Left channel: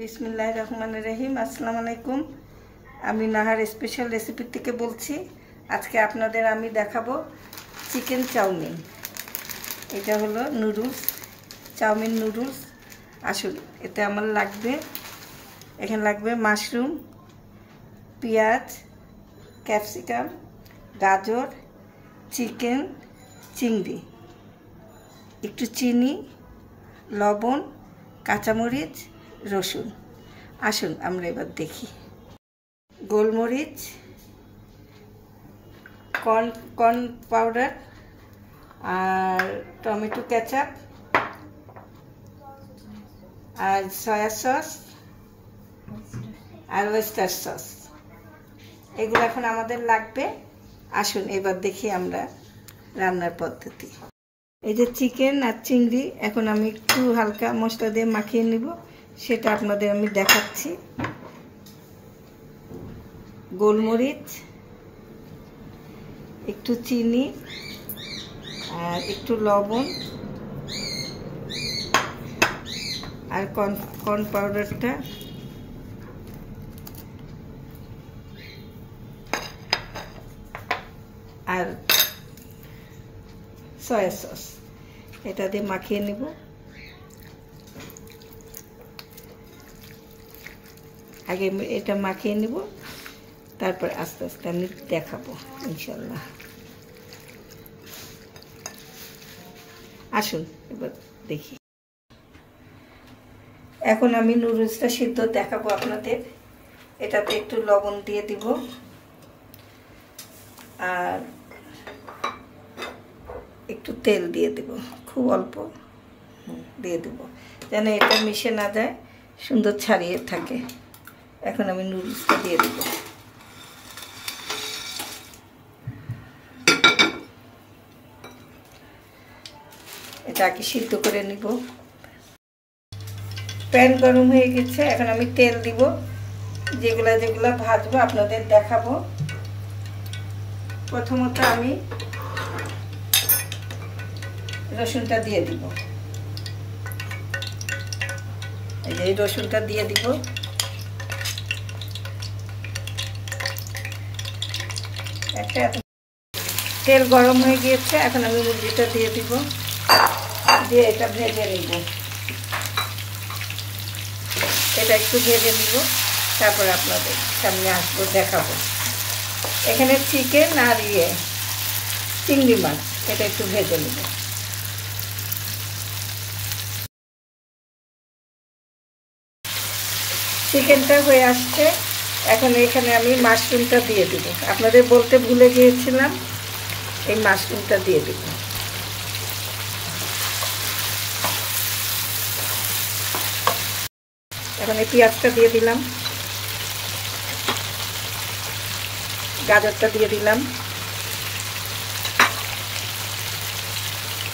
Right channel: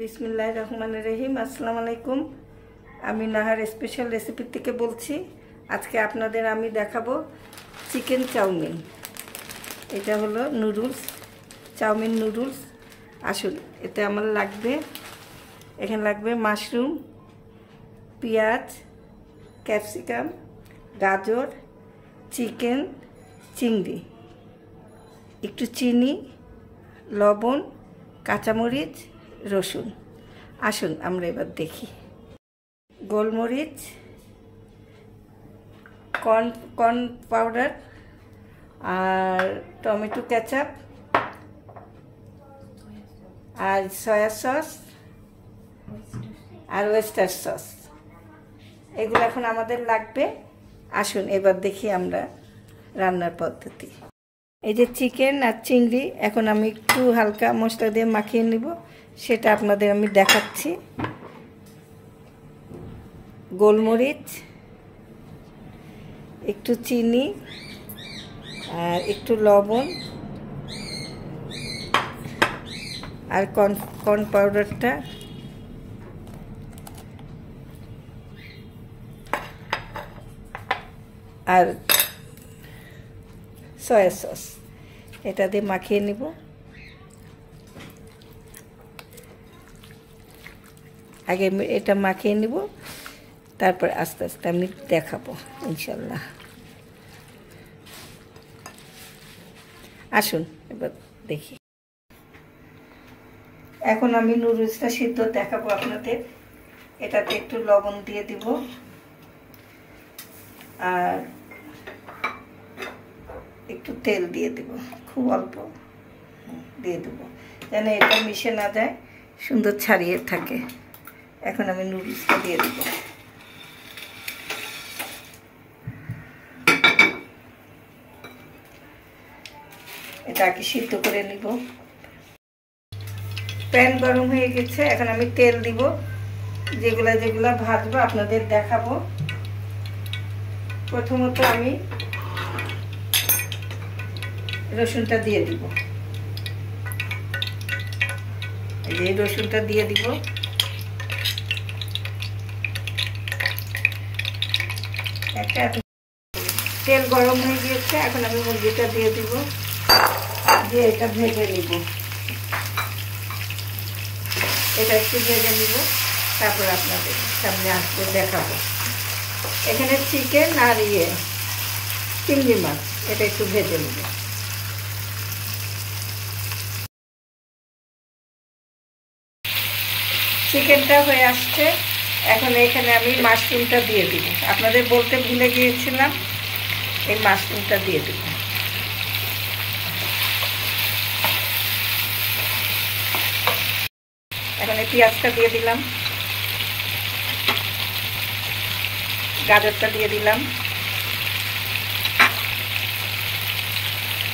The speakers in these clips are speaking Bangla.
বিসমিল্লাহির রহমানির রহিম। আসসালামু আলাইকুম। আমি নাহার স্পেশাল রেসিপি থেকে বলছি। আজকে আপনাদের আমি দেখাবো চিকেন চাউমিন। এটা হলো নুডলস, চাউমিন নুডলস। আসুন, এটা আমার লাগবে, এখানে লাগবে মাশরুম, পেঁয়াজ, ক্যাপসিকাম, গাজর, চিকেন, চিংড়ি, একটু চিনি, লবণ, কাঁচামরিচ, রসুন। আসুন আমরা এবার দেখি। গোলমরিচ, কর্ন পাউডার, আর টমেটো কেচাপ, আর সয়া সস, আর ওয়েস্টার সস, এগুলো এখন আমাদের লাগবে। আসুন এবার দেখি আমরা রান্নার পদ্ধতি। এই যে চিকেন আর চিংড়ি এখন আমি একটু হালকা মশলা দিয়ে মাখিয়ে নিব, সেটা আপনাদের আমি দেখাচ্ছি। গোলমরিচ, একটু চিনি, আর একটু লবণ, আর কর্ন পাউডারটা, আর সয়া সস, এটা দিয়ে মাখিয়ে নিব। আগে এটা মাখিয়ে নিব, তারপর আস্তে আস্তে আমি দেখাবো ইনশাল্লাহ। আসুন এবার দেখি। এখন আমি নুডলসটা সিদ্ধ দেখাবো আপনাদের। এটাতে একটু লবণ দিয়ে দিব, আর একটু তেল দিয়ে দেব, খুব অল্প দিয়ে দেব, যেন এটা মিশে না যায়, সুন্দর ছাড়িয়ে থাকে। এখন আমি নুডলসটা দিয়ে দেব। এটাকে সিদ্ধ করে নিব। প্যান গরম হয়ে গেছে, এখন আমি তেল দিব। যেগুলা যেগুলা ভাজবো আপনাদের দেখাবো। প্রথমত আমি রসুনটা দিয়ে দিব। এই রসুনটা দিয়ে দিব। তেল গরম হয়ে গিয়েছে, এখন আমি মুরগিটা দিয়ে দিব, দিয়ে এটা ভেজে নিব। এটা একটু ভেজে নিব, তারপর আপনাদের সামনে আসবে দেখাবো। এখানে চিকেন আর চিংড়ি মাছ, এটা একটু ভেজে নিব। চিকেনটা হয়ে আসছে, এখন এখানে আমি মাশরুমটা দিয়ে দিব। আপনাদের বলতে ভুলে গিয়েছিলাম, এই মাশরুমটা দিয়ে দিব। এখন এই পেঁয়াজটা দিয়ে দিলাম, গাজরটা দিয়ে দিলাম,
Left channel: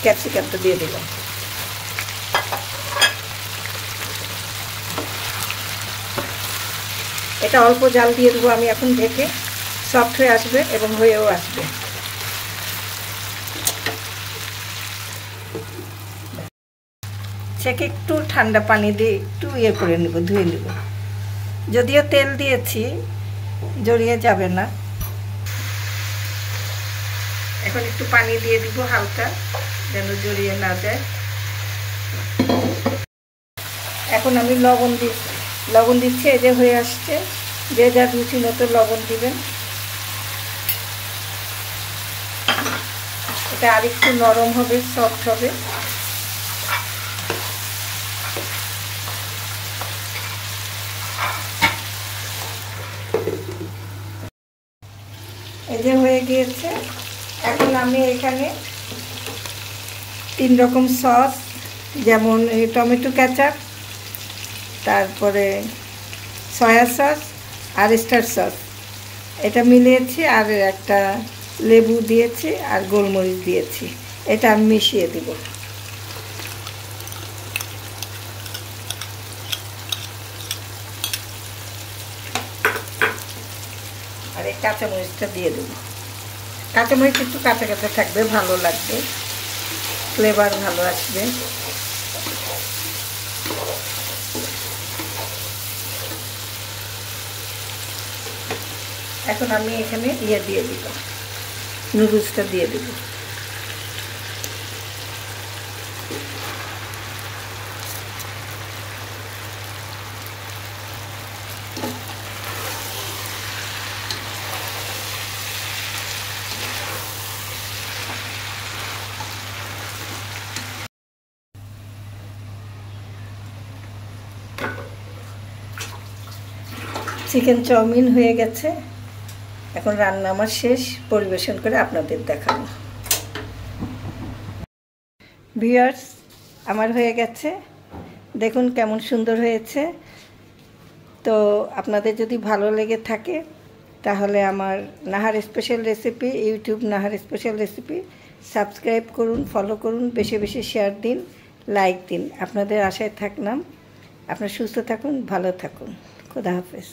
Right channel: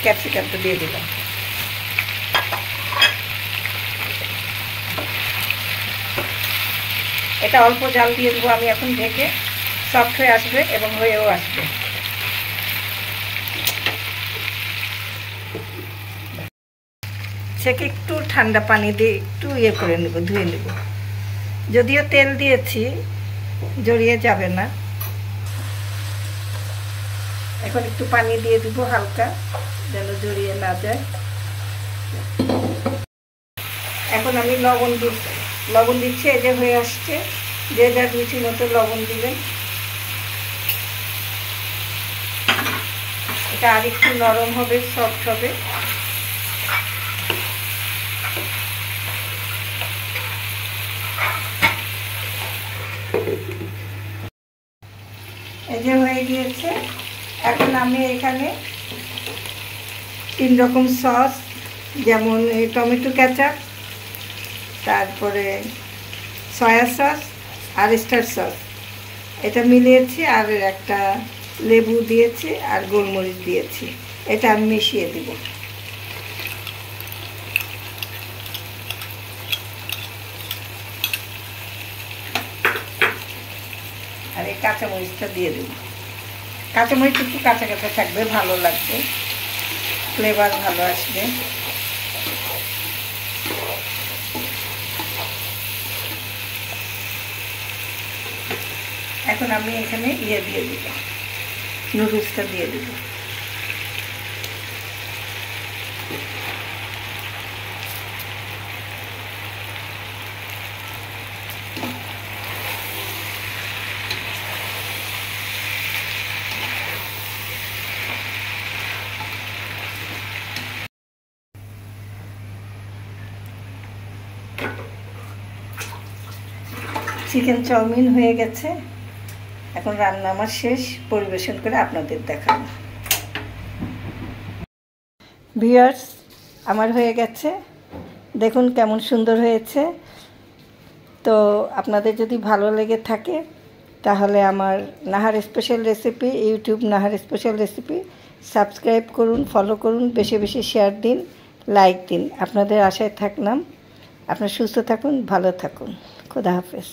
ক্যাপসিকামটা দিয়ে দিলাম। এটা অল্প জাল দিয়ে দেবো আমি এখন, ঢেকে সফট হয়ে আসবে এবং হয়েও আসবে। সেকে একটু ঠান্ডা পানি দিয়ে একটু করে নেব, ধুয়ে নেব। যদিও তেল দিয়েছি, জড়িয়ে যাবে না। এখন একটু পানি দিয়ে দিব হালকা, যেন জড়িয়ে না যায়। এখন আমি লবণ দিচ্ছি। এই যে হয়ে আসছে, যে যা রুচি মতো লবণ দিবেন। এটা আর একটু নরম হবে, সফট হবে। এই যে হয়ে গিয়েছে, এখন আমি এখানে 3 রকম সস, যেমন টমেটো কেচাপ, তারপরে সয়া সস আর ওয়েস্টার সস, এটা মিলিয়েছি, আর একটা লেবু দিয়েছি, আর গোলমরিচ দিয়েছি। এটা আমি মিশিয়ে দিব। আর এই কাঁচামরিচটা দিয়ে দেব। কাঁচামরিচ একটু কাঁচা কাঁচা থাকবে, ভালো লাগবে, ফ্লেভার ভালো আসবে। এখন আমি এখানে দিয়ে দিব, নুডলসটা দিয়ে দিব। চিকেন চাউমিন হয়ে গেছে, এখন রান্না আমার শেষ, পরিবেশন করে আপনাদের দেখাবো। ভিউয়ার্স, আমার হয়ে গেছে, দেখুন কেমন সুন্দর হয়েছে। তো আপনাদের যদি ভালো লেগে থাকে তাহলে আমার Nahar special recipe, YouTube Nahar special recipe subscribe করুন, ফলো করুন, বেশি বেশি শেয়ার দিন, লাইক দিন। আপনাদের আশায় থাকলাম। আপনারা সুস্থ থাকুন, ভালো থাকুন। খোদা হাফেজ।